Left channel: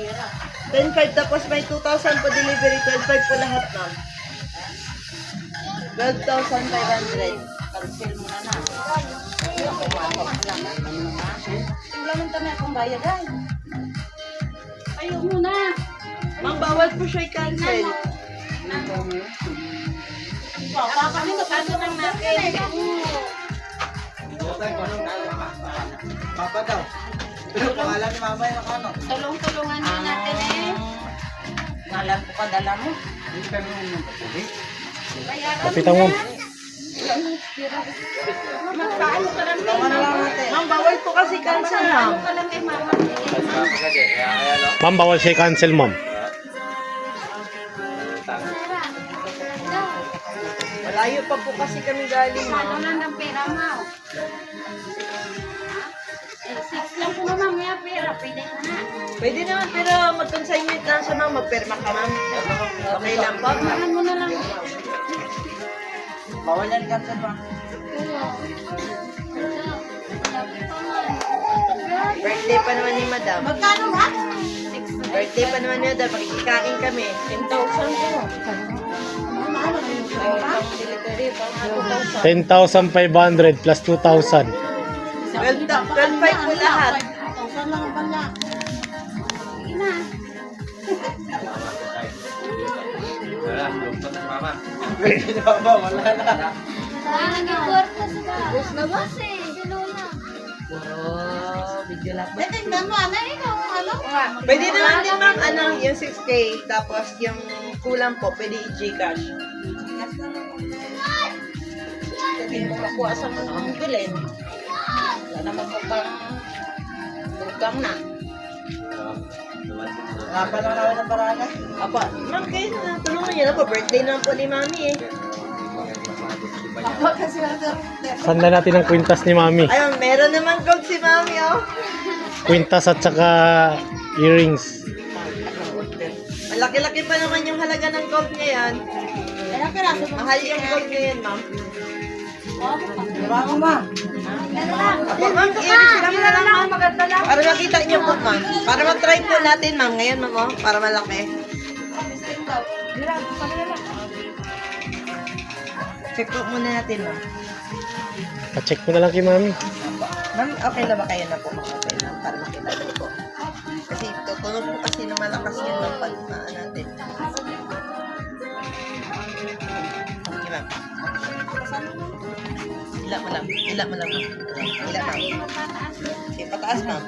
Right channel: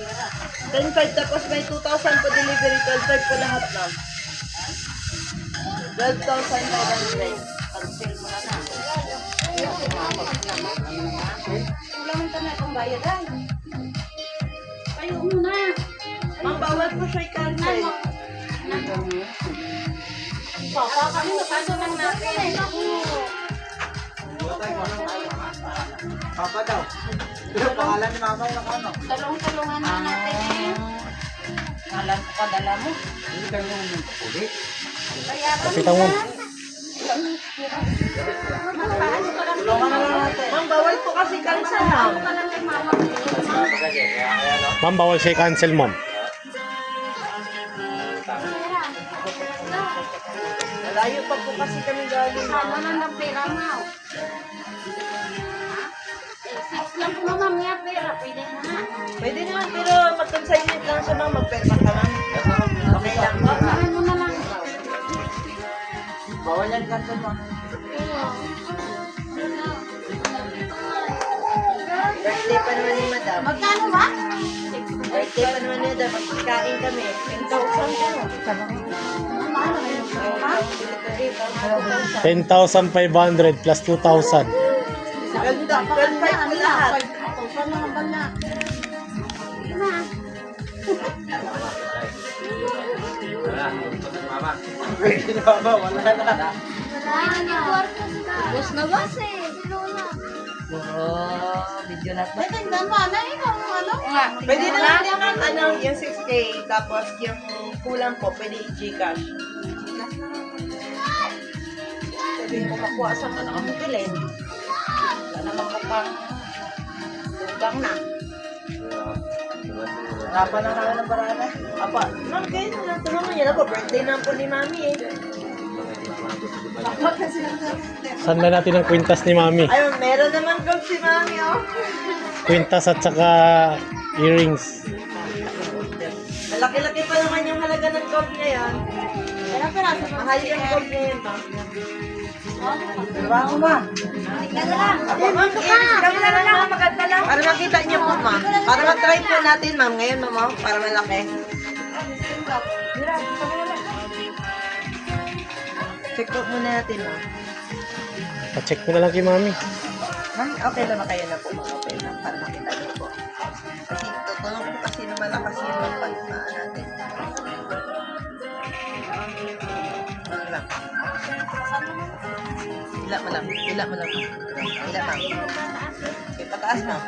10,500 tapos may 2,000 pa delivery, 12,500 po lahat na. 12,500. Cancel mo na. Pumasok lang. Wala man kami akong bayad ay. Ayaw mo na. Ma'am, bawal po siya i-cancel. Papa, kami magkaso ng natin. Papa daw. Pero pangalan ni mama yung ano? Tulong-tulungan na natin eh. Ngalan ko pa dala mo. Hindi kami yung kapuli. Kapitang mo. Magkaano ka lang Ma'am, bawal po kasi cancel, ma'am. ka lang kay mama. Ma'am, bawal siya i-cancel, ma'am. Malayo pa po kasi kami galing, Ano ma'am. lang ng pera mo? 6 lang po naman may pera. Pwede na. Pwede naman, pero mag-consignment lang siya, ma'am. Magperma ka, ma'am. Okay lang po. Pagkahan mo na lang. Bawal yan cancel mo. Birthday pa naman ni madam. Magkano ba? Birthday pa naman ni madam. Magkikain kami. 10,000 po. Ay, pang delivery, pang 2,000. 10,500 plus 2,000. 12,500 po lahat. Pwede na ba? Wala na. Bus na ba? Bilona. Video na po. Tingnan mo, ano yun yung ano? Pwede naman yung ma'am, ano, yung 6K, tapos yung kulang po, pwede i-Gcash. Hindi mo makuha sa mga ang bilin. Wala naman ko pang tugang na. Hanapan na naman ng paraan eh. Apa, ma'am, kayo na, tulungan niyo na po, birthday na po ni mami eh. Saan na natin ang kwintas ni Mami? Ayun, meron naman gold si mami, oh. Kwintas at saka earrings. Ang laki-laki pa naman yung halaga ng gold ngayon. Mahal yung gold ngayon, ma'am. Trabaho ba? Ayun, ma'am, i-release kami na lang, ma'am. Maganda lang. Para makita niyo po, ma'am. Para mag-try po natin, ma'am, ngayon, ma'am, oh, para malaki. Check po muna natin, ma'am. Pa-check mo na lang kay Mami. Ma'am, okay lang ba kayo na po? Okay lang, para makita niyo po. Kasi tutunog po kasi na malakas yung pagmaan natin. Okay, ma'am. Hila mo lang. Hila mo lang, ma'am. Hila, ma'am. Okay, pataas, ma'am.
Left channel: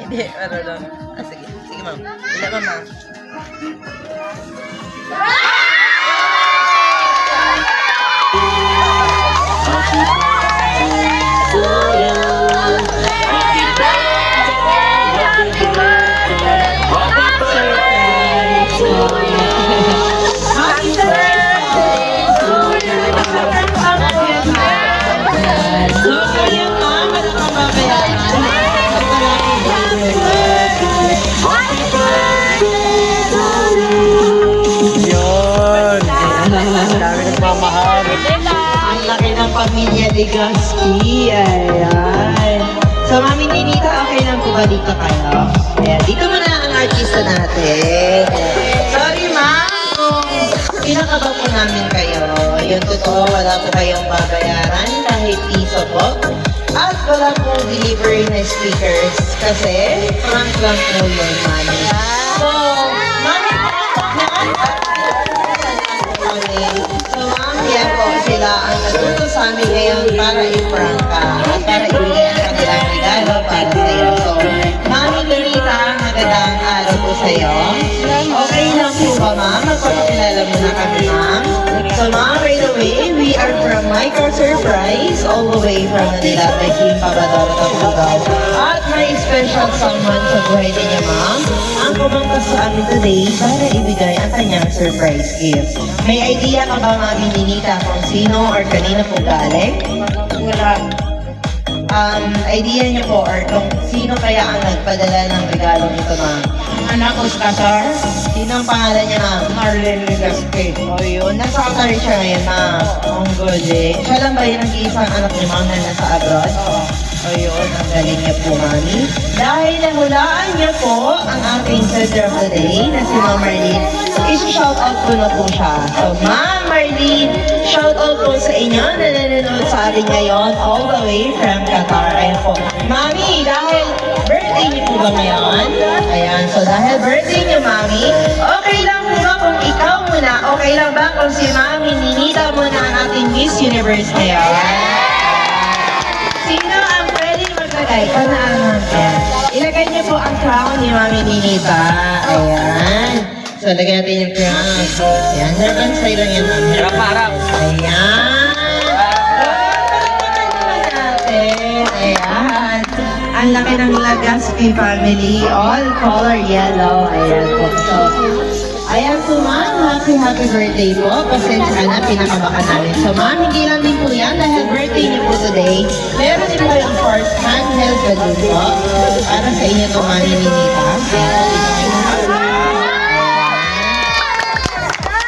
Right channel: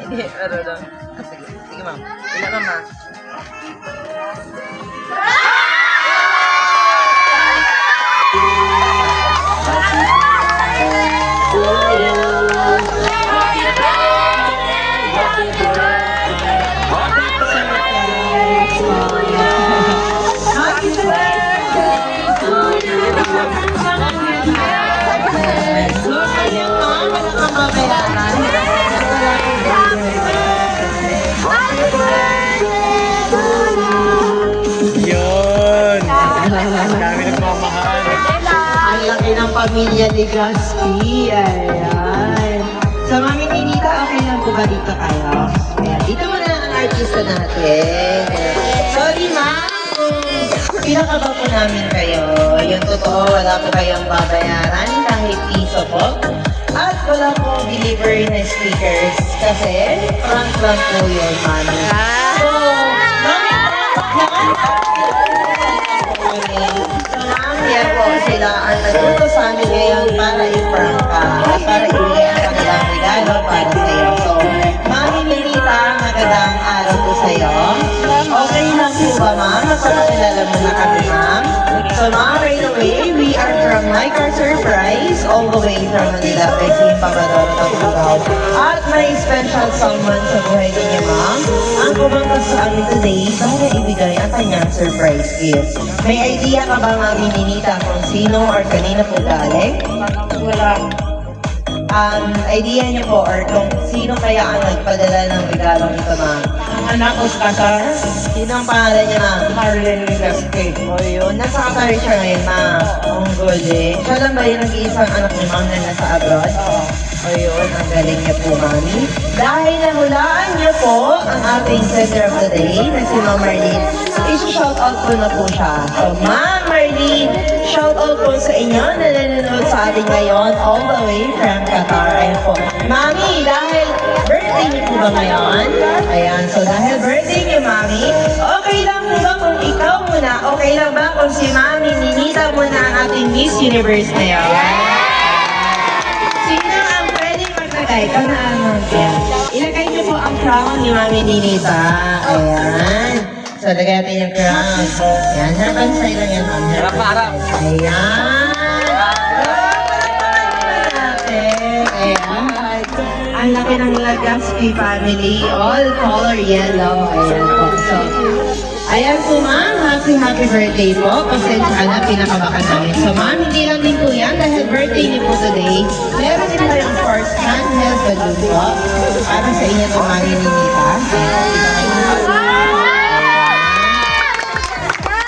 Hindi, ano lang. Sige, sige, ma'am. Hila, ma'am. Yun! Ang dami nagmamahal. Ang laki ng pamilya Legaspi. Ayan. So, Mami Ninita, okay lang po ba dito kayo? Ayan. Dito muna ang artista natin. Sorry, ma'am. Pinakaba po namin kayo. Yung totoo, wala po kayong babayaran kahit piso po. At wala po delivery na speakers. Kasi, prank lang po yun, Mami. So, Mami, so, ma'am, yan po sila ang nagtuto sa amin ngayon para i-prank ka at para ibigay ang kanilang regalo para sa'yo. So, Mami Ninita, magandang araw po sa'yo. Okay lang po ba, ma'am? Magpapakilala mo na kami, ma'am. So, ma'am, right away, we are from Mycar Surprise, all the way from Manila, by Kim Papadora Tapugaw. At may special someone sa buhay niya, ma'am. Ang kumangkas sa amin today para ibigay ang kanyang surprise gift. May idea ka ba, Mami Ninita, kung sino or kanina po galing? Wala. Idea niyo po or kung sino kaya ang nagpadala ng regalong ito, ma'am? Ang anak ko sa Qatar, Sino ang pangalan niya, ma'am? Marlene Legaspi. O yun, nasa Qatar siya ngayon, ma'am. Ang galing. Siya lang ba yung nag-iisang anak ni ma'am na nasa abroad? Oo. Ayun, ang galing niya po, Mami. Dahil nahulaan niya po ang ating center of the day na si Ma'am Marlene, isi-shout out ko na po siya. So, Ma'am Marlene, shout out po sa inyo na nanonood sa atin ngayon all the way from Qatar. Ayan po. Mami, dahil birthday niyo po ba ngayon? Ayan, so dahil birthday niyo, Mami, okay lang po ba kung ikaw muna? Okay lang ba kung si Mami Ninita muna ang ating Miss Universe na yun? Sino ang pwedeng maglagay? Kanaan natin. Ilagay niyo po ang crown ni Mami Ninita. Ayan. So, lagay natin yung crown. Ayan, harapan sa'yo lang yan, Mami. Harap na harap. Ayan. Ayan. Ang laki ng Lagaspi family. All color yellow. Ayan po. So, ayan po, Ma'am. Happy birthday po. Pasensya na, pinakabaka namin. So, Ma'am, hindi lang din po yan. Dahil birthday niyo po today. Meron din po yung first handheld balloon po. Para sa inyo to, Mami Ninita.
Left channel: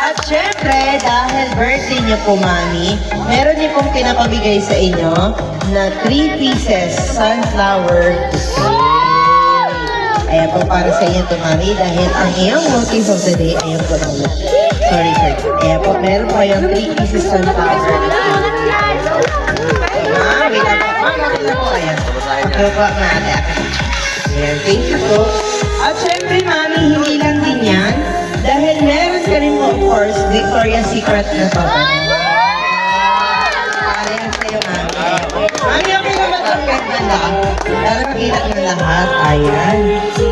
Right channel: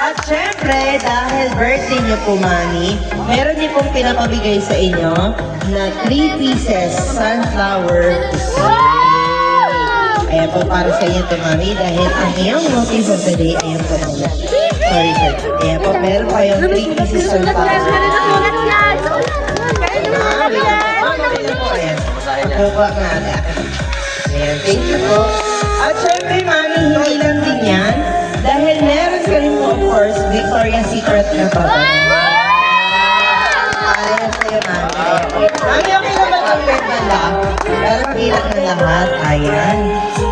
At syempre, dahil birthday niyo po, Mami, meron niyo pong pinapabigay sa inyo na 3 pieces sunflower bouquet. Ayan po para sa inyo to, Mami, dahil ang iyong motive of the day, ayan po na ulit. Sorry, sir. Ayan po, meron po kayong 3 pieces sunflower. Wait lang po. Ayan. Pagkaba natin. Ayan, thank you po. At syempre, Mami, hindi lang din yan. Dahil meron ka rin po, of course, Victoria's Secret na pa ba? Ayan sa'yo, Mami. Ayan po. Mami, okay na ba itong banda? Para makita ng lahat. Ayan. So,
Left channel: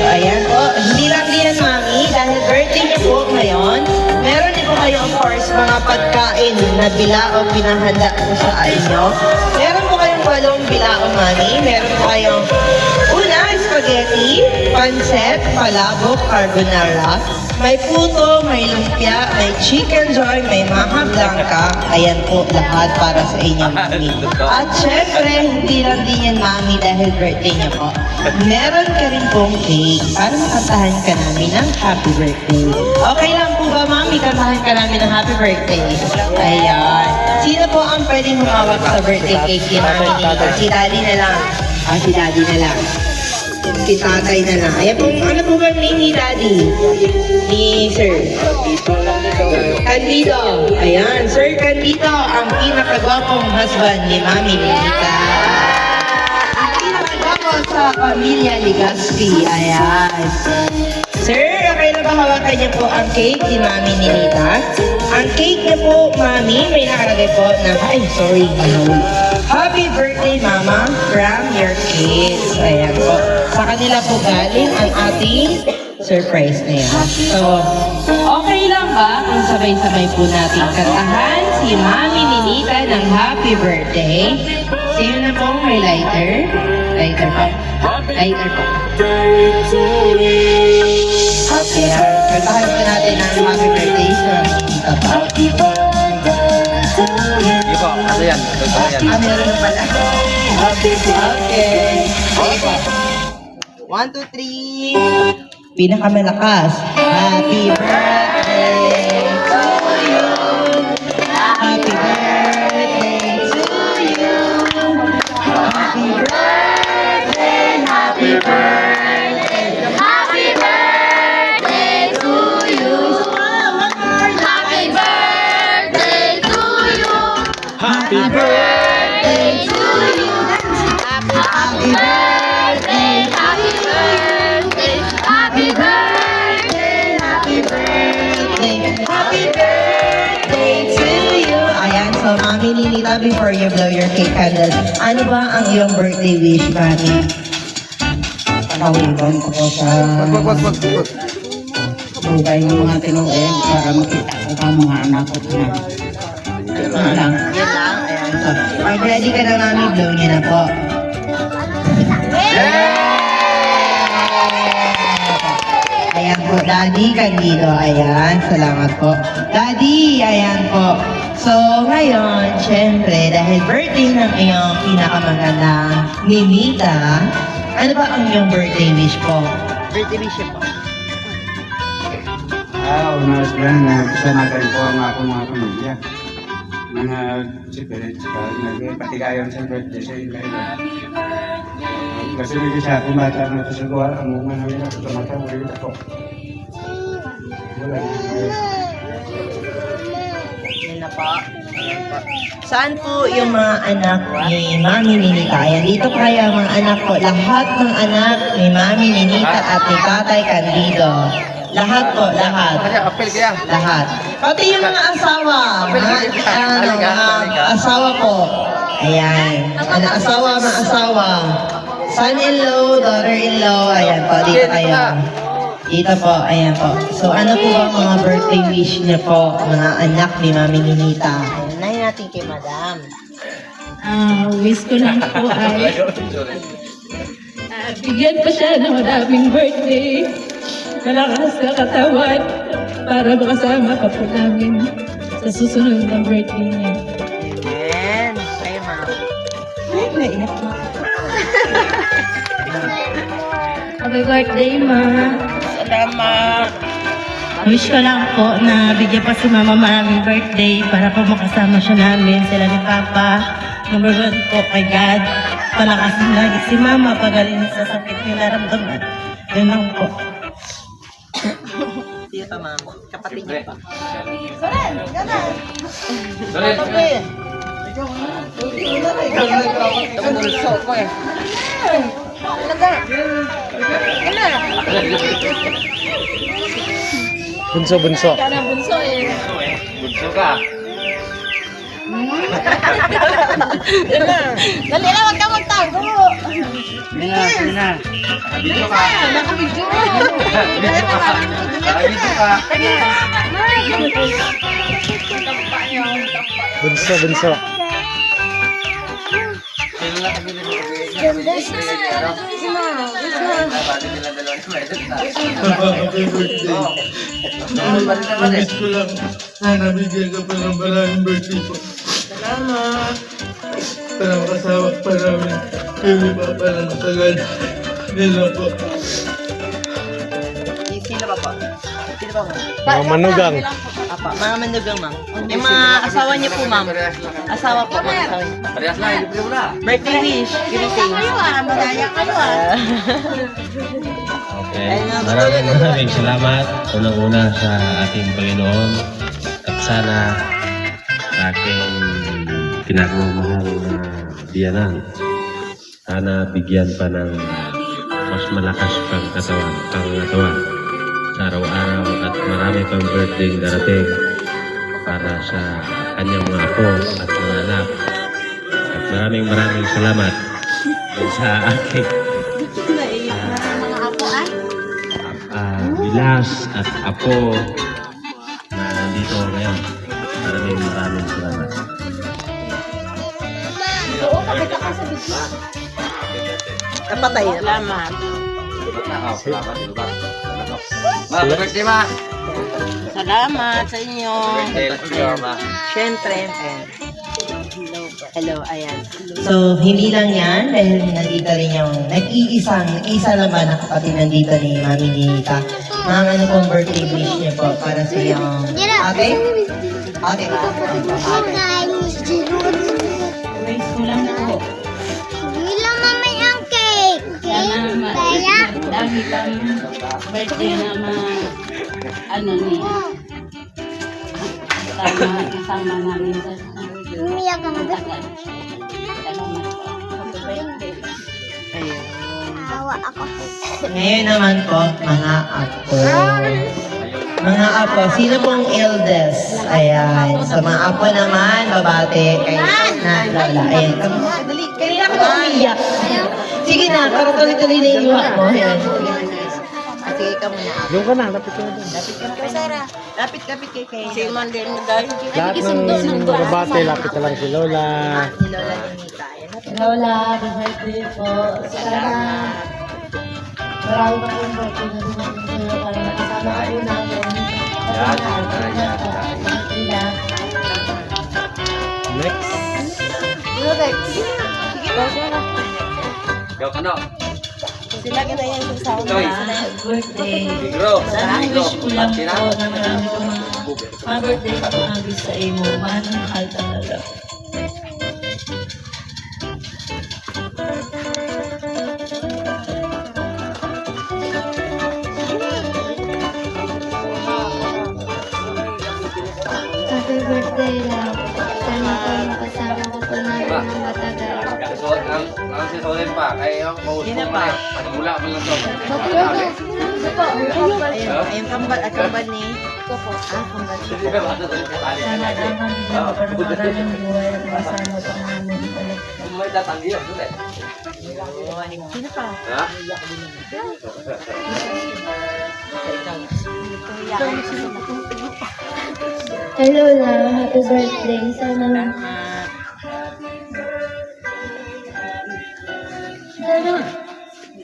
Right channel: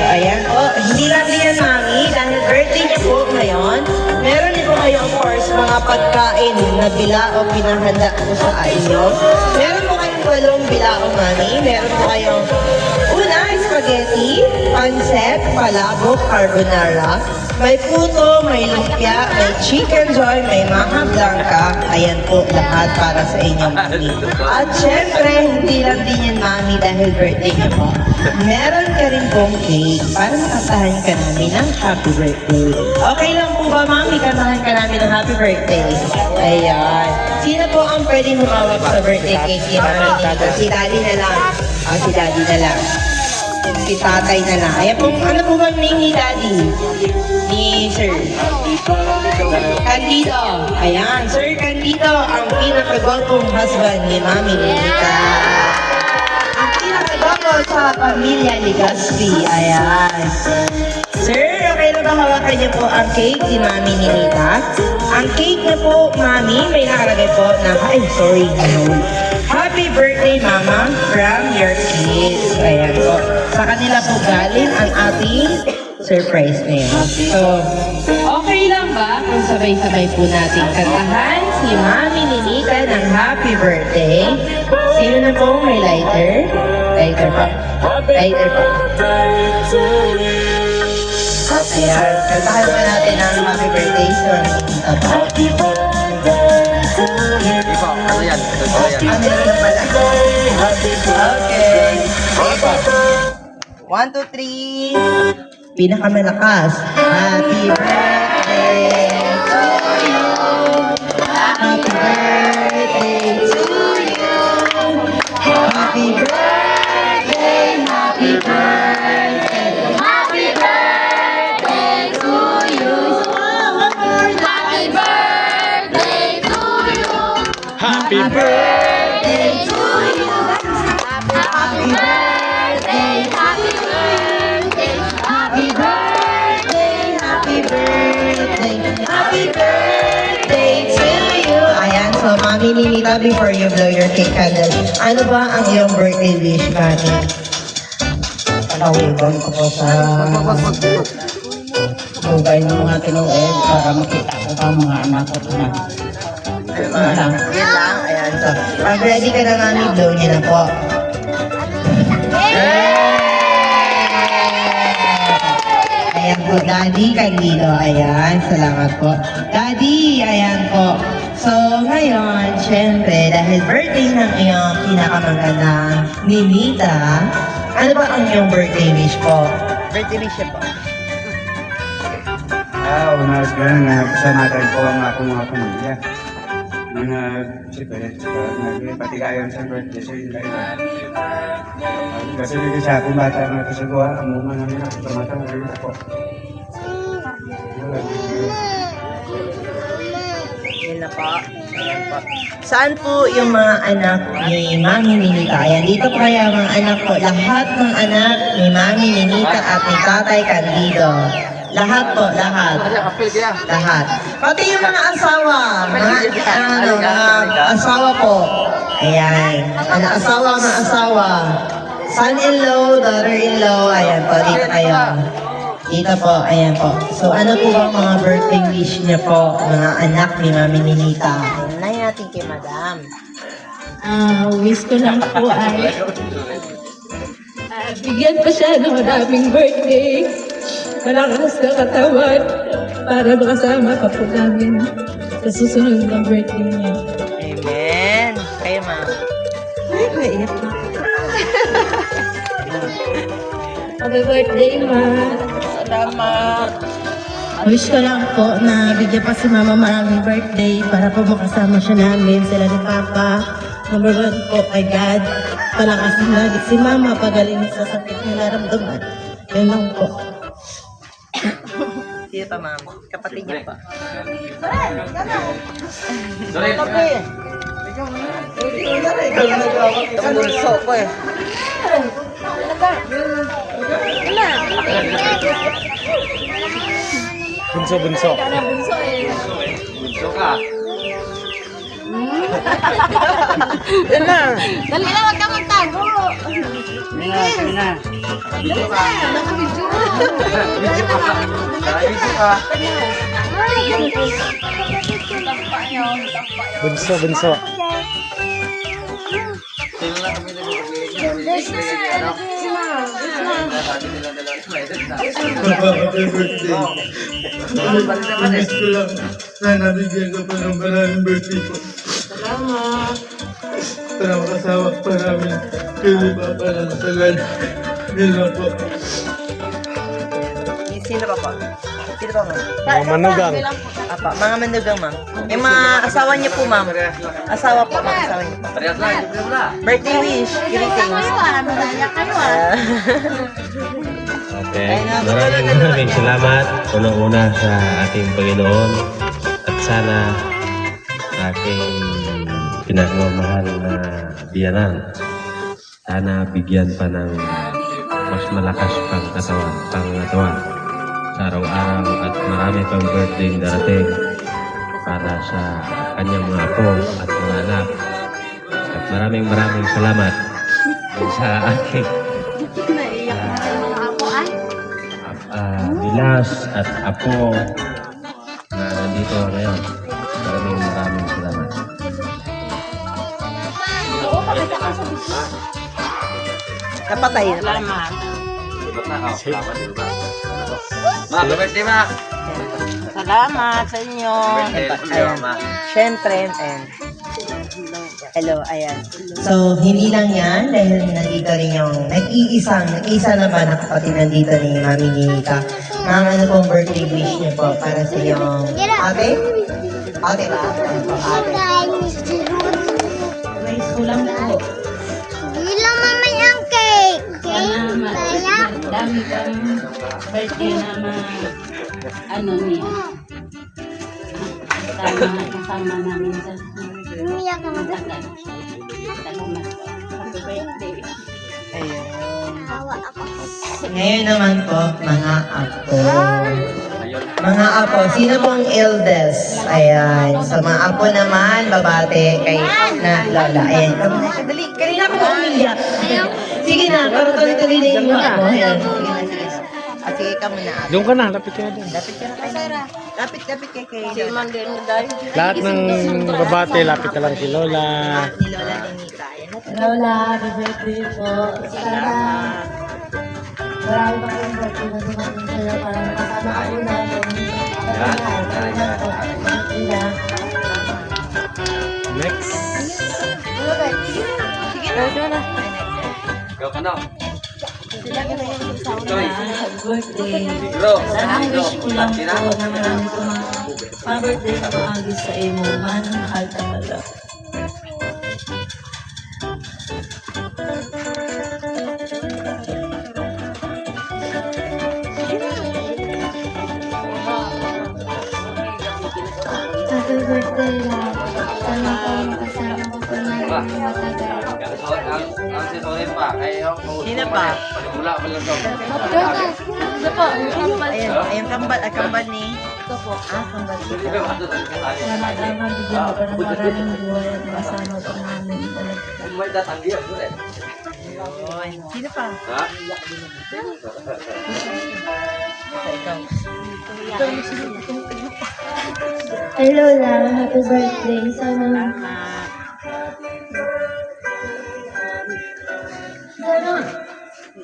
ayan po. Hindi lang din yan, Mami. Dahil birthday niyo po ngayon, meron din po kayo, of course, mga pagkain na bilao pinahanda po sa inyo. Meron po kayong walong bilao, Mami. Meron po kayong una, spaghetti, pancet, palabok, carbonara. May puto, may lumpia, may chicken joy, may maha blanca. Ayan po, lahat para sa inyo, Mami. At syempre, hindi lang din yan, Mami, dahil birthday niyo po. Meron ka rin pong cake para makantahan ka namin ng happy birthday. Okay lang po ba, Mami, kantahan ka namin ng happy birthday? Ayan. Sino po ang pwedeng humawak sa birthday cake ni Mami dito? Si Daddy na lang. Si Daddy na lang. Si tatay na lang. Ayan po, ano po ba name ni Daddy? Ni Sir? Candido. Ayan, Sir Candido, ang pinakagwapong husband ni Mami Ninita. Ang pinakagwapo sa pamilya Legaspi. Ayan. Sir, okay na ba hawakan niyo po ang cake ni Mami Ninita? Ang cake niyo po, Mami, may nakalagay po na, Happy birthday, Mama, from your kids. Ayan po. Sa kanila po galing ang ating surprise na yan. So, okay lang ba kung sabay-sabay po natin kantahan si Mami Ninita ng happy birthday? Sino na po may lighter? Lighter po. Lighter po. Ayan, kantahan pa natin ang happy birthday sa Ninita po. Hindi po, ano yan? Ano yan? Ah, meron na pala. Okay. Okay po. 1, 2, 3. Pinakamalakas. Happy birthday to you. Happy birthday to you. Happy birthday, happy birthday. Happy birthday to you. Happy birthday to you. Happy birthday! Birthday to you. Happy birthday, happy birthday, happy birthday, Happy birthday, happy birthday to you. Ayan, so Mami Ninita, before you blow your cake candle, ano ba ang iyong birthday wish, Mami? Panawigan ko po sa buhay ng mga tinuig para makita ko pa mga anak ko na. Ano lang. Yun lang, ayan. So, pag ready ka na, Mami, blow niyo na po. Ayan po, Daddy Candido. Ayan, salamat po. Daddy, ayan po. So, ngayon, syempre, dahil birthday ng iyong pinakamagandang Ninita, ano ba ang iyong birthday wish po? Birthday wish po. Unas lang na kasanagan ko ang akong mga pamilya. nagpatigayon sa birthday sa ila-ila. Kasi naging sa akong bata na kasagawa, ang mga nila pagkamatang ulit ako. Wala. Yun na po. Ayan po. Saan po yung mga anak ni Mami Ninita? Ayan, dito po kaya mga anak po. Lahat ng anak ni Mami Ninita at ni Tatay Candido. Lahat po, lahat. Lahat. Pati yung mga asawa. Mga asawa po. Ayan. Mga asawa. Son-in-law, daughter-in-law. Ayan po, dito kayo. Dito po, ayan po. So ano po ba mga birthday wish niyo po, mga anak ni Mami Ninita? Unahin natin kay Madam. Wish ko lang po ay bigyan ko siya ng maraming birthday. Malakas na katawan para makasama pa po namin sa susunod na birthday niya. Amen. Kayo, Ma'am. Ay, naingat na. Happy birthday, Ma. Salamat. Wish ko lang po na bigyan pa si Mama maraming birthday para po makasama siya namin, sila ni Papa. Number 1 po kay God. Palakasin lagi si Mama pagaling sa sakit niya naramdaman. Yan lang po. Sino pa, Ma'am? Kapatid niya pa. Bunso ko eh. Bunso. Bunso ka. Dali na, huwag ka magtago. Sige na. Video ka. Nakabidyo. Video ka. Video ka. Bunso. Happy birthday. Wish ko lang. Sana bigyan ka pa ng maraming birthday po. Salamat. Para makasawa pa namin. Kami pa para masalan. Yan lang po. Sino ka pa? Sino pa, Ma'am? Mga manugang. Apa, mga manugang, Ma'am. Yung mga asawa niya po, Ma'am. Asawa po, mga asawa niya. Parehas lang, hindi ko wala. Birthday wish. Greetings. Madaya kayo Okay. Maraming salamat unang-una sa ating Panginoon at sana ating pinakamamahal na biyanan. Sana bigyan pa ng mas malakas pang katawan sa araw-araw at marami pang birthday darating para sa kanyang mga apo at mga anak. At maraming salamat sa aking bilas at apo na nandito ngayon. Maraming salamat. Kapatay. Salamat. Ma, happy birthday, Ma. Salamat sa inyo. Birthday, Ma. Siyempre, hello, ayan. So, hindi lang yan, dahil nandito rin yung nag-iisa naman na kapatid nandito ni Mami Ninita. Ma'am, ano pong birthday wish niyo po para sa iyong ate? Ate ba? Ate. Wish ko lang po. Bilang mamay ang cake. Sana Kaya? dami kang birthday na ano niya. Kasama namin sa Umiyak ka na. tagal. Salamat po. Happy birthday. Ayun. Tawa ako. Ngayon naman po, mga apo. Mga apo, sino pong eldest? Ayan. Sa mga apo naman, babate kay na lola. Ayan. Dali, kanina ka ba umiyak? Sige na, parang tuloy-tuloy na yung iwak mo. Ayan. Sige ka muna. Doon ka na, lapit ka na doon. Lapit kay Kay. Si Mandel mo dahil. Lahat ng babate, lapit na lang si Lola. Ni Lola Ninita. Ayan. Lola, happy birthday po. Salamat. Marami pa kong birthday na dumating sa'yo para makasama ako natin. Next. Go ka na. Happy birthday. Bro. Sana wish ko lang po na marami ko mga pa-birthday na maagis sa imo. Mahal talaga. Happy birthday, love. Sana po makasama ko po namin ng matagal. Ang sisulit pa. Ay, ako. Sino pa? Wala pa lang daw. Ayun, kambal ni. Sana lang bigyan ko ng maraming buhay at masama pa namin talaga. May tatanggi ako eh. Sino pa? Ha? Ikaw. Hello, love. Happy birthday. Sana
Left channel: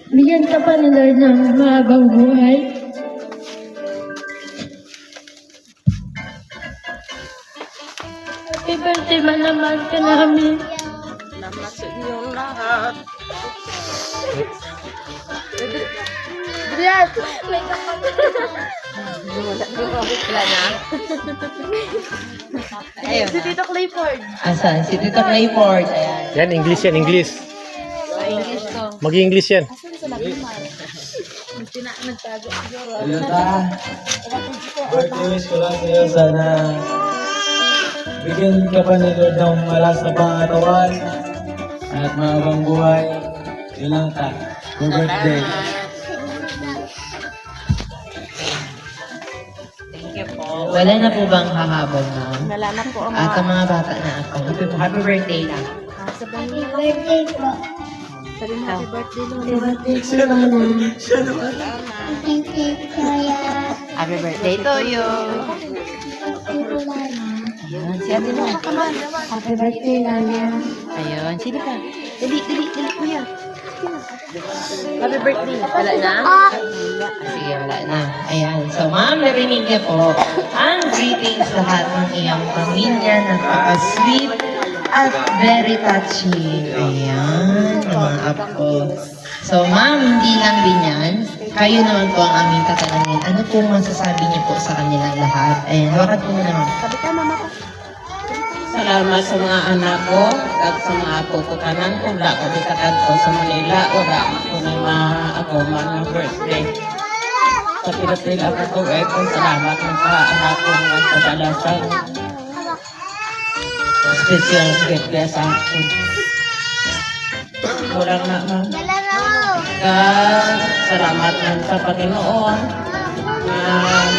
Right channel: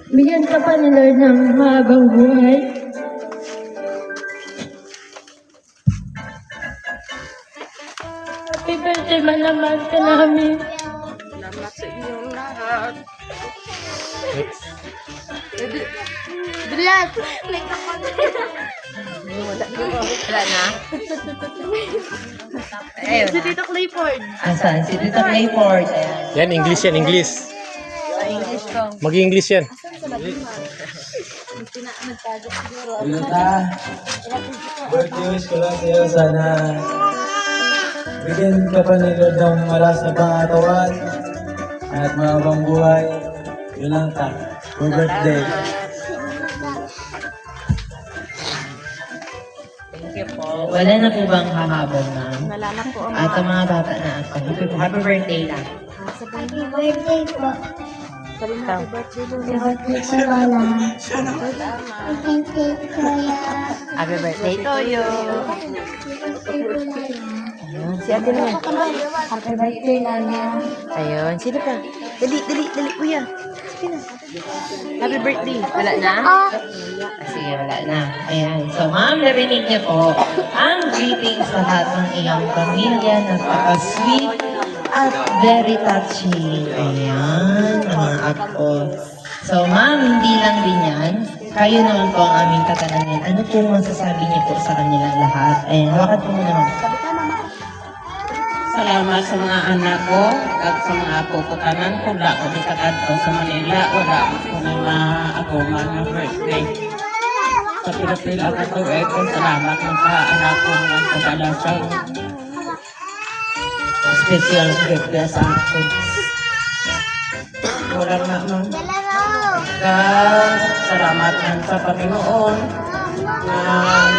bigyan ka pa ni Lord ng mahabang buhay. Happy birthday, malaman ka namin. Salamat sa inyong lahat. Bilat! Wala na? Ayun Si na. Tito Clifford. Asan? Si Tito Clifford. Ayan. Yan, English yan, English. English ko. Mag-English yan. Hello ta. Birthday wish ko lang sa'yo. Sana bigyan ka pa ni Lord ng malas na pangatawan at mahabang buhay. Yun lang ta. Happy birthday. Thank you po. Wala na po bang hahabol, ma'am? Wala na po. At ang mga bata na ako. Happy birthday na. Happy birthday po. Sabi mo, happy birthday, Lulu. Happy birthday po, Lola. Thank you, Kuya. Happy birthday to you. Happy birthday po, Lola. Si Ate Lo. Happy birthday, Lola. Ayun. Sino pa? Dali, kuya. Sige na. Happy birthday. Wala na? Sige, wala na. Ayan. So, ma'am, narinig niyo po ang greetings lahat ng iyong pamilya. Napaka-sweet at very touching. Ayan, mga apo. So, ma'am, hindi lang din yan. Kayo naman po ang aming tatanungin. Ano po masasabi niyo po sa kanilang lahat? Ayan, hawakan po muna, ma'am. Salamat sa mga anak ko at sa mga apo ko tanan kung da ko dikakadto sa Manila wala ko na ako man ng birthday. Sa pila-pila ka to kung salamat ng sa anak ko ng kadalasan. Special gift kaya sa akin. Walang na ma'am. Salamat ng sa Panginoon na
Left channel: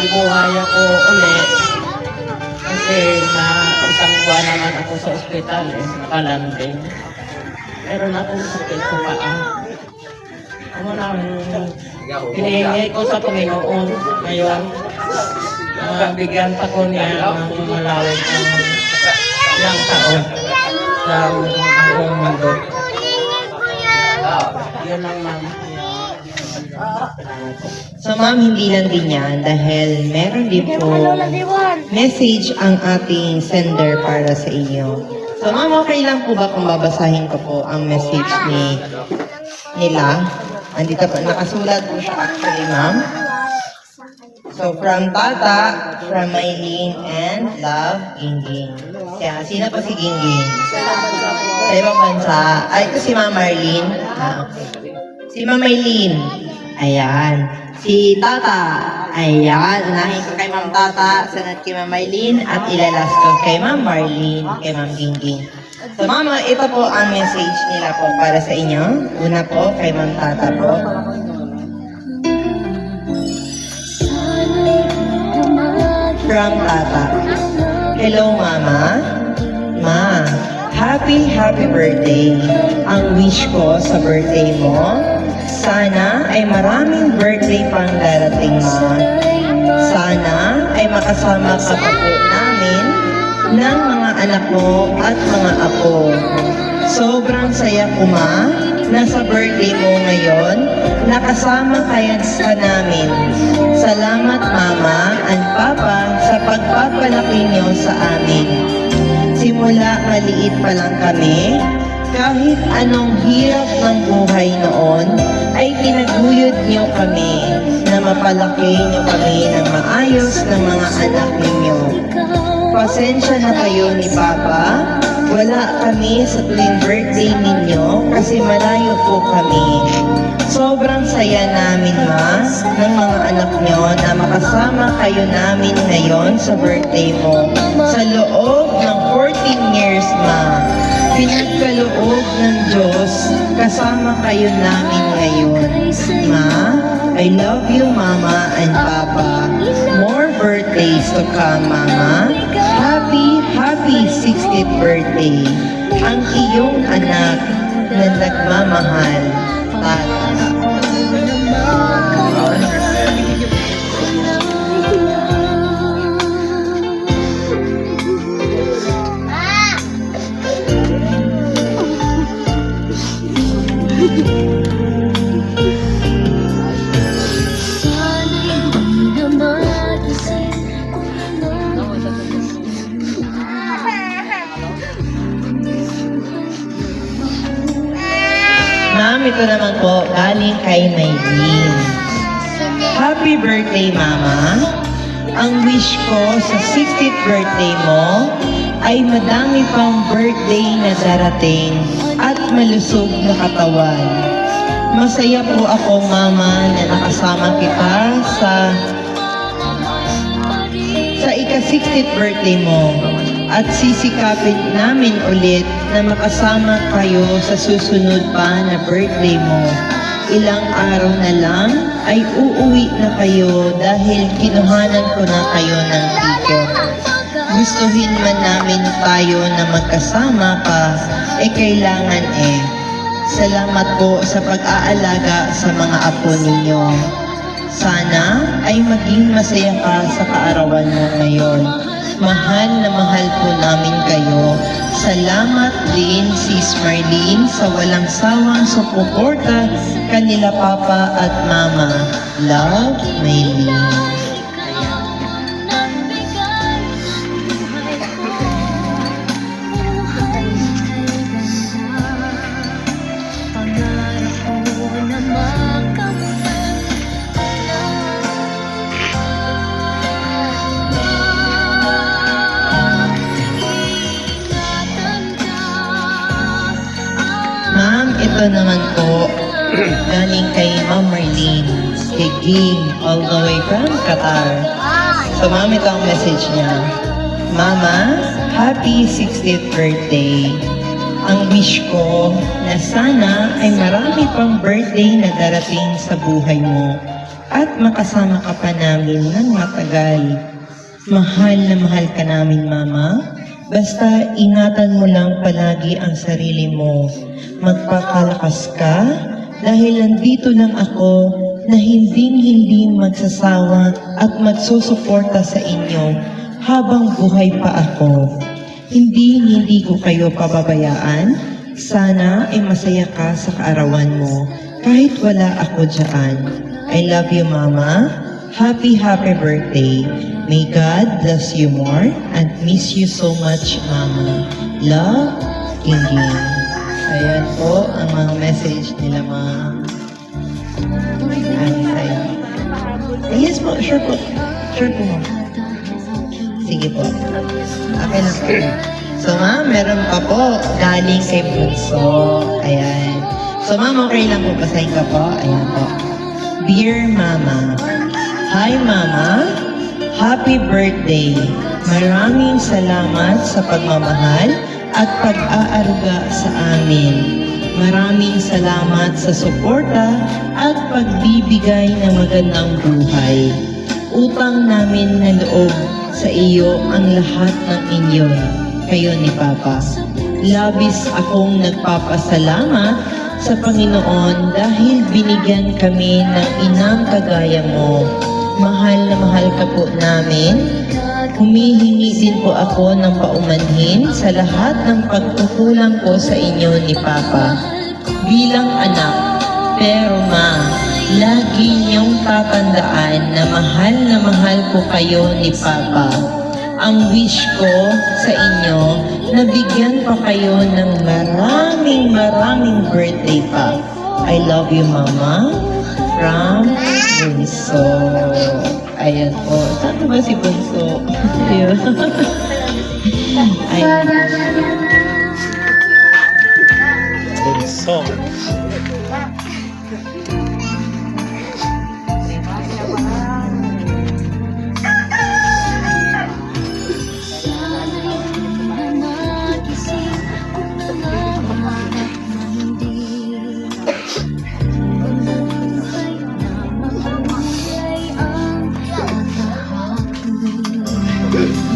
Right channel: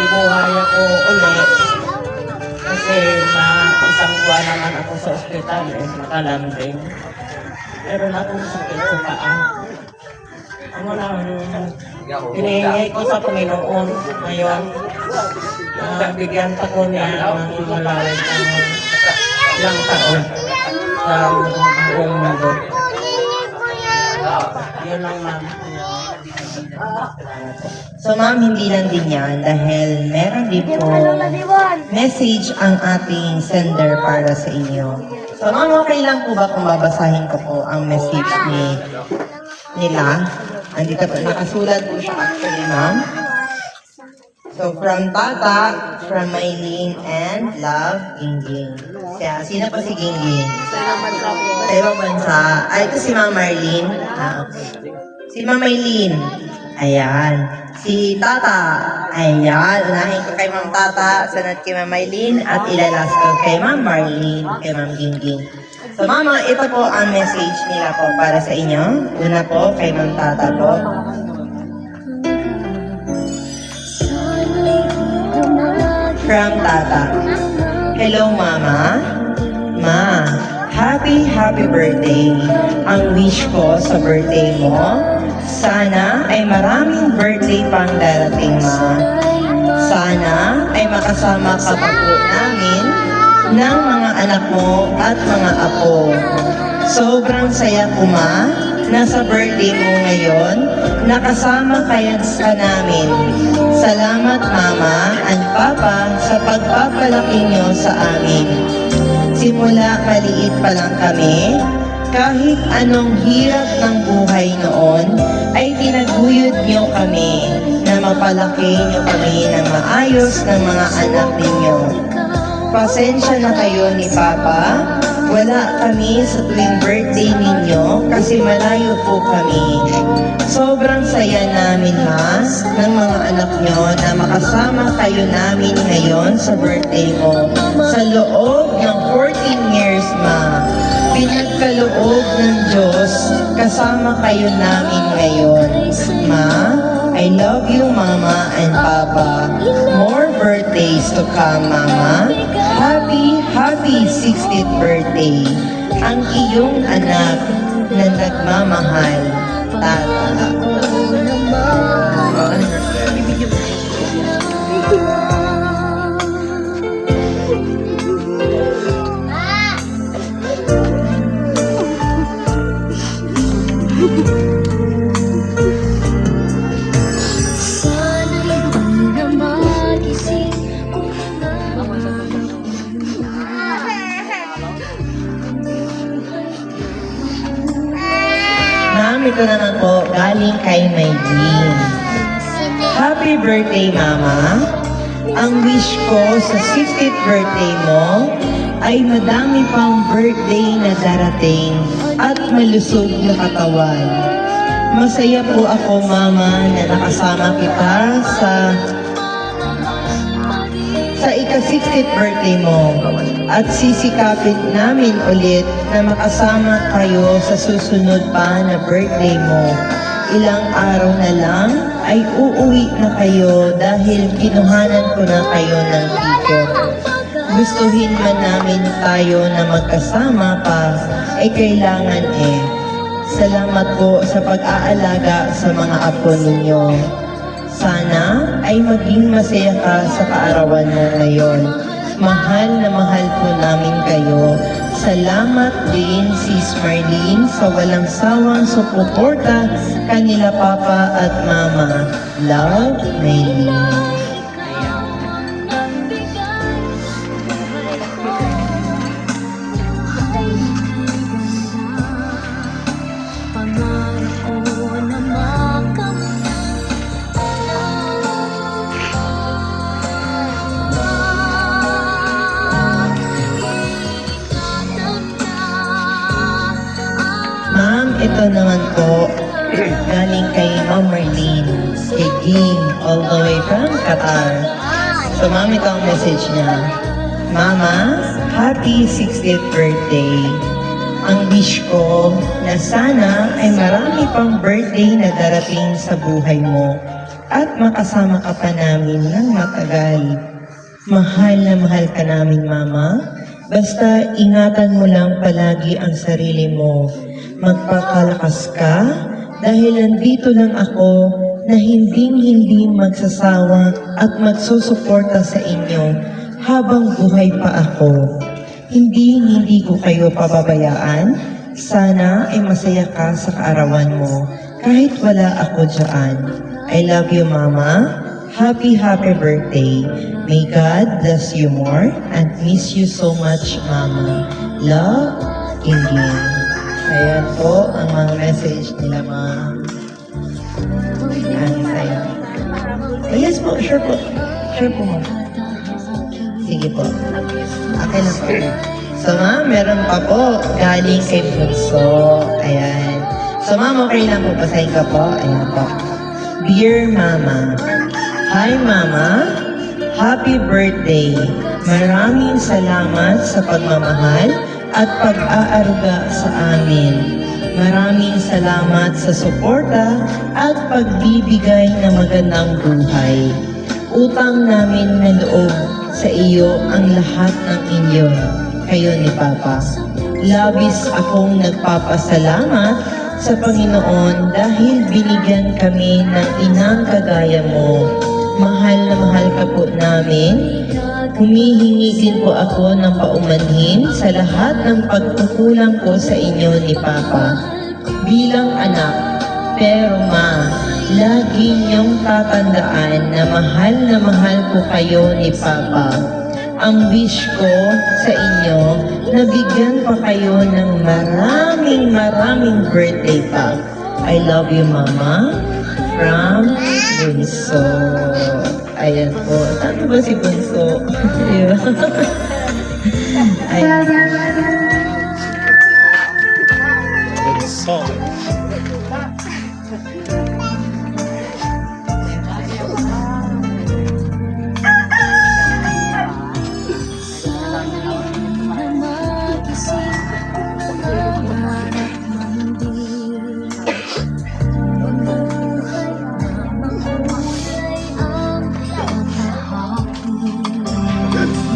libuhay ako ulit. Kasi isang buwan naman ako sa ospital nakalanding. Meron akong sakit sa paa. Ano lang, hinihingi ko sa Panginoon ngayon. Bigyan pa ko niya ng malawag ng ilang taon sa buong mundo. Yun lang ma'am. So ma'am, hindi lang din yan dahil meron din po message ang ating sender para sa inyo. So ma'am, okay lang po ba kung babasahin ko po ang message nila? Andito po, nakasulat po siya actually ma'am. So from Tata, from Maylene and Love, Gingging. Kaya sino po si Gingging? Sa ibang bansa. Ay, ito si Ma'am Marlene. Okay. Si Ma'am Maylene. Ayan. Si Tata. Ayan. Unahin ko kay Ma'am Tata, sunod kay Ma'am Maylene, at ilalas ko kay Ma'am Marlene, kay Ma'am Gingging. So Mama, ito po ang message nila po para sa inyo. Una po kay Ma'am Tata po. From Tata. Hello Mama. Ma, happy birthday. Ang wish ko sa birthday mo, sana ay maraming birthday pang darating, Ma. Sana ay makasama ka pa po namin ng mga anak mo at mga apo. Sobrang saya ko, Ma, na sa birthday mo ngayon, nakasama kayo sa namin. Salamat, Mama and Papa, sa pagpapalaki niyo sa amin. Simula maliit pa lang kami, kahit anong hirap ng buhay noon, ay Pinapalaki niyo kami ng maayos ng mga anak ninyo. Pasensya na kayo ni Papa. Wala kami sa tuwing birthday ninyo kasi malayo po kami. Sobrang saya namin, Ma, ng mga anak nyo na makasama kayo namin ngayon sa birthday mo. Sa loob ng 14 years, Ma, pinagkaloob ng Diyos, kasama kayo namin ngayon. Ma, I love you, Mama and Papa. More birthdays to come, Mama. Happy 60th birthday. Ang iyong anak na nagmamahal, Tata. Ma'am, ito naman po, galing kay Maylene. Happy birthday, Mama. Ang wish ko sa 60th birthday mo ay madami pang birthday na darating at malusog na katawan. Masaya po ako, Mama, na nakasama kita sa ika-60th birthday mo at sisikapin namin ulit na makasama kayo sa susunod pa na birthday mo. Ilang araw na lang ay uuwi na kayo dahil kinuhanan ko na kayo ng ticket. Gustuhin man namin tayo na magkasama pa, kailangan eh. Salamat po sa pag-aalaga sa mga apo ninyo. Sana ay maging masaya ka sa kaarawan mo ngayon. Mahal na mahal po namin kayo. Salamat din, Sis Marlene, sa walang sawang suporta kanila Papa at Mama. Love, Marlene. Ma'am, ito naman po, galing kay Ma'am Marlene, kay Ging, all the way from Qatar. So ma'am, ito ang message niya. Mama, happy 60th birthday. Ang wish ko na sana ay marami pang birthday na darating sa buhay mo at makasama ka pa namin ng matagal. Mahal na mahal ka namin, Mama. Basta ingatan mo lang palagi ang sarili mo. Magpakalakas ka dahil nandito lang ako na hindi magsasawa at magsusuporta sa inyo habang buhay pa ako. Hindi ko kayo pababayaan. Sana ay masaya ka sa kaarawan mo kahit wala ako dyan. I love you, Mama. Happy birthday. May God bless you more and miss you so much, Mama. Love, Gingging. Ayan po ang mga message nila, Ma'am. Saya. Yes po, sure po. Sure po, Ma'am. Sige po. Okay na po. So, Ma'am, meron pa po galing kay Bunso. Ayan. So, Ma'am, okay lang po. Basahin ka po. Ayan po. Dear Mama, Hi, Mama. Happy birthday. Maraming salamat sa pagmamahal at pag-aaruga sa amin. Maraming salamat sa suporta at pagbibigay ng magandang buhay. Utang namin na loob sa iyo ang lahat ng inyo, kayo ni Papa. Labis akong nagpapasalamat sa Panginoon dahil binigyan kami ng inang kagaya mo. Mahal na mahal ka po namin. Humihingi din po ako ng paumanhin sa lahat ng pagkukulang ko sa inyo ni Papa. Bilang anak, pero Ma, lagi niyong tatandaan na mahal ko kayo ni Papa. Ang wish ko sa inyo, nabigyan pa kayo ng maraming birthday pa. I love you, Mama. from Bunso. Ayan po. Saan ba si Bunso? Ayan. Ayan. Bunso.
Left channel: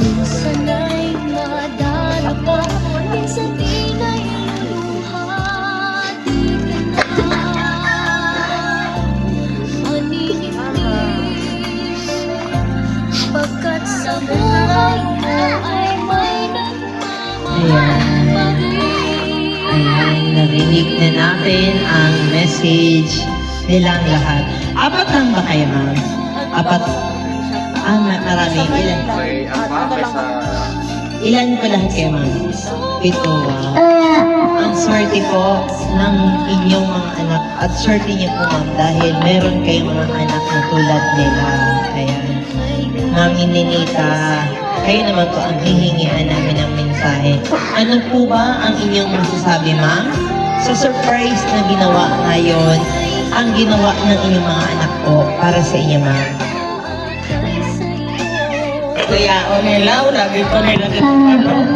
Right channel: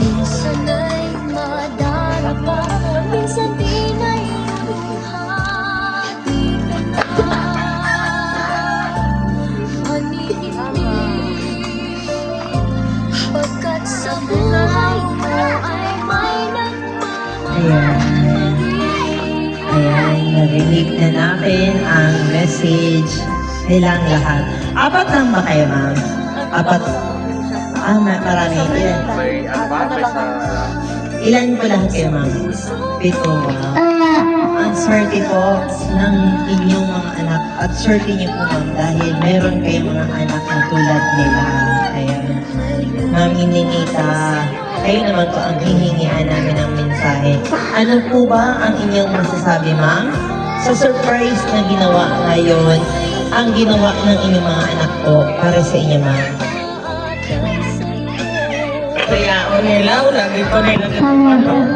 Minsan ay madarapa, minsan di na iluhati ka na. Manimig, pagkat sa buhay mo ay may nagmamahal. Ayan, narinig na natin ang message nilang lahat. Apat lang ba kayo, ma'am? Apat? Marami. Ilan? May ano ba? May sa... Ilan po lahat kayo, ma'am? Pito, wow. Ang swerte po ng inyong mga anak at swerte niyo po, ma'am, dahil meron kayong mga anak na tulad nila. Ayan. Ma'am Ninita, kayo naman po ang hihingian namin ng mensahe. Ano po ba ang inyong masasabi, ma'am? Sa surprise na ginawa ngayon, ang ginawa ng inyong mga anak po para sa inyo, ma'am. Kaya o nila, lagi ko nila nagpapalo.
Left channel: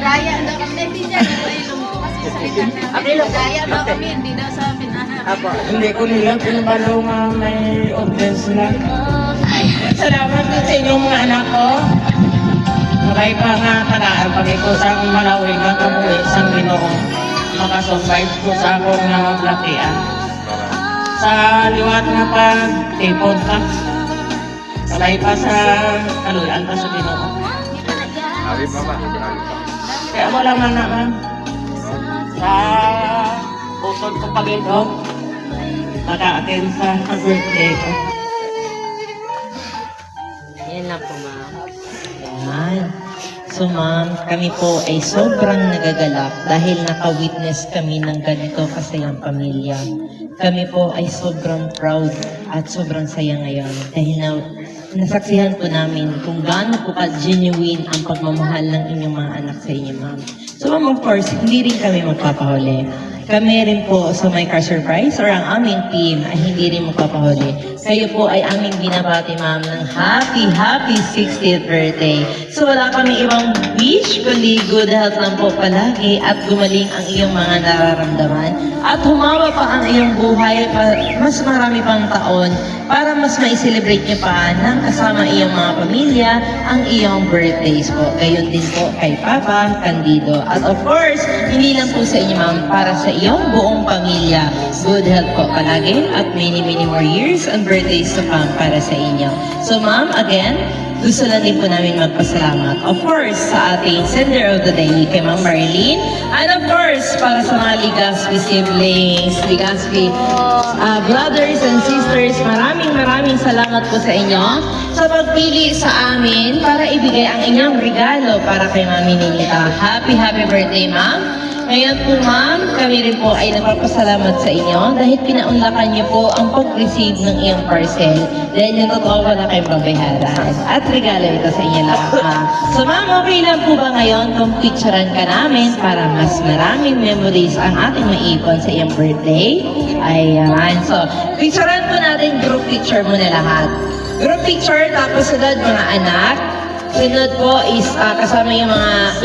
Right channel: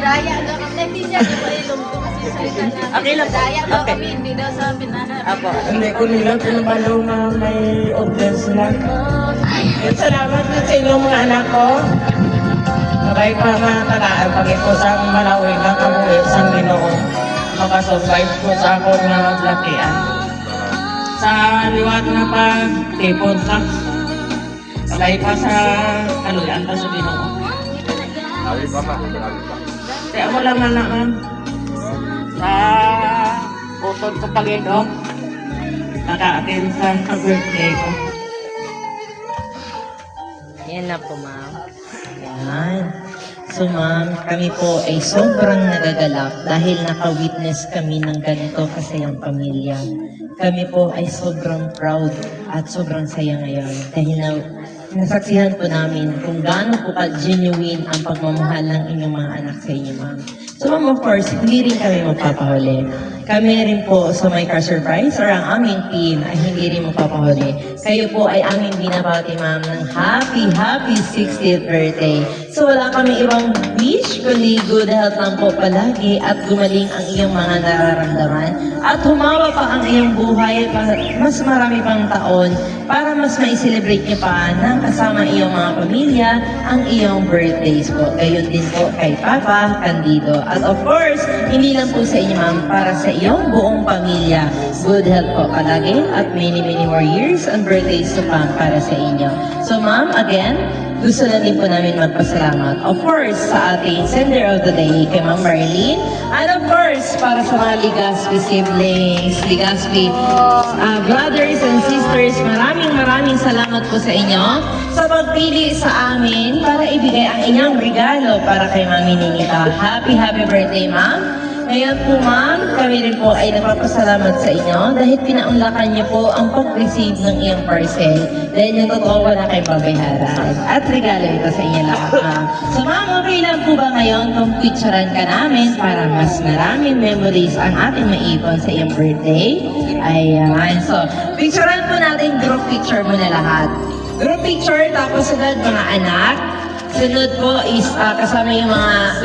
Daya daw kami, hindi siya nakailong ko kasi salita na. Daya daw kami, hindi daw sa pinahanap. Hindi ko nila pinabalo nga may audience sila. Salamat din sa inyong mga anak ko. Sabay pa nga tagaan pag ko sa akong Malawi nga kamuwi sa Ginoo. Makasurvive ko sa akong nangaglakian. Sa liwat na pagtipon ka. Sabay pa sa kaluyan ka sa Ginoo. Sabi pa ma. Kaya mo lang anak, ma'am. Sa utod ko pag ito, maka-attend sa birthday ko. Yan lang po, ma'am. Yan. So, ma'am, kami po ay sobrang nagagalak dahil naka-witness kami ng ganito kasayang pamilya. Kami po ay sobrang proud at sobrang saya ngayon dahil nasaksihan po namin kung gaano po ka-genuine ang pagmamahal ng inyong mga anak sa inyo, ma'am. So, ma'am, of course, hindi rin kami magpapahuli. Kami rin po sa My Car Surprise or ang aming team ay hindi rin magpapahuli. Kayo po ay aming binabati, ma'am, ng happy 60th birthday. So, wala kami ibang wish, kundi good health lang po palagi at gumaling ang iyong mga nararamdaman at humawa pa ang iyong buhay mas marami pang taon para mas ma-celebrate niyo pa ng kasama iyong mga pamilya ang iyong birthdays po. Gayon din po kay Papa Candido. At of course, hindi lang po sa inyo, ma'am, para sa iyong buong pamilya. Good health po palagi at many more years and birthdays to come para sa inyo. So, ma'am, again, gusto lang din po namin magpasalamat. Of course, sa ating sender of the day, kay Ma'am Marlene. And of course, para sa mga Ligaspi siblings, Ligaspi brothers and sisters, maraming salamat po sa inyo sa pagpili sa amin para ibigay ang inyong regalo para kay Mami Ninita. Happy birthday, ma'am! Ngayon po, ma'am, kami rin po ay nagpapasalamat sa inyo dahil pinaunlakan niyo po ang pag-receive ng iyong parcel dahil yung totoo wala kayong babayaran. At regalo ito sa inyo lahat, ma'am. So, ma'am, okay lang po ba ngayon kung picturean ka namin para mas maraming memories ang ating maipon sa iyong birthday? Ayan. So, picturean po natin, group picture muna lahat. Group picture, tapos sunod mga anak. Sunod po is kasama yung mga